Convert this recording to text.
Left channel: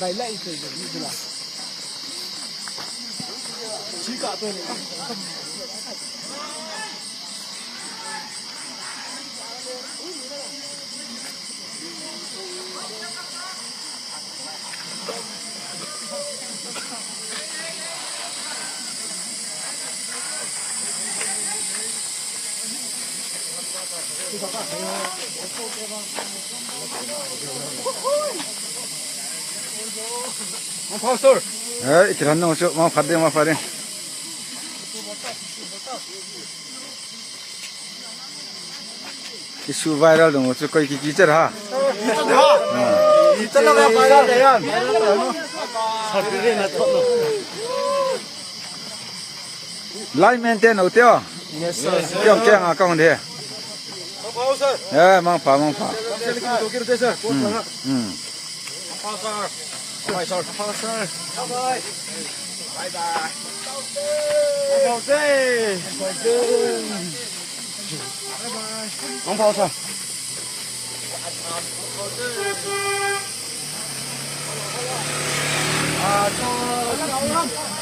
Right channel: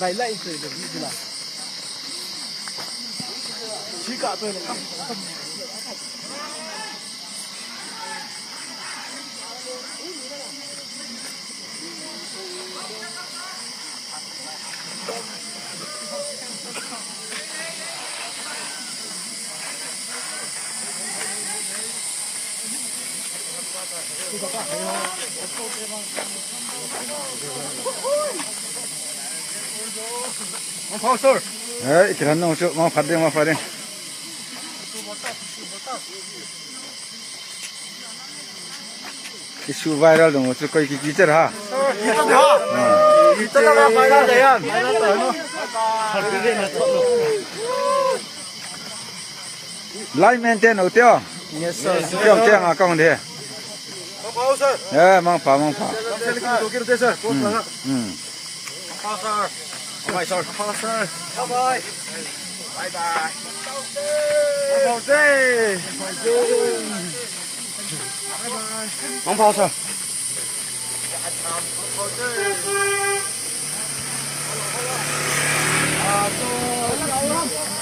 đại lại rồi được như nào chỉ cả tôi này 이런 놈 좀, 받대. 이슈 바이럴 좀 어쩔 거이 기절 하. 이따가 봐야 돼요. 라인 멘텐 어때요? 경 아까운데. 예, 망파. Bye bye.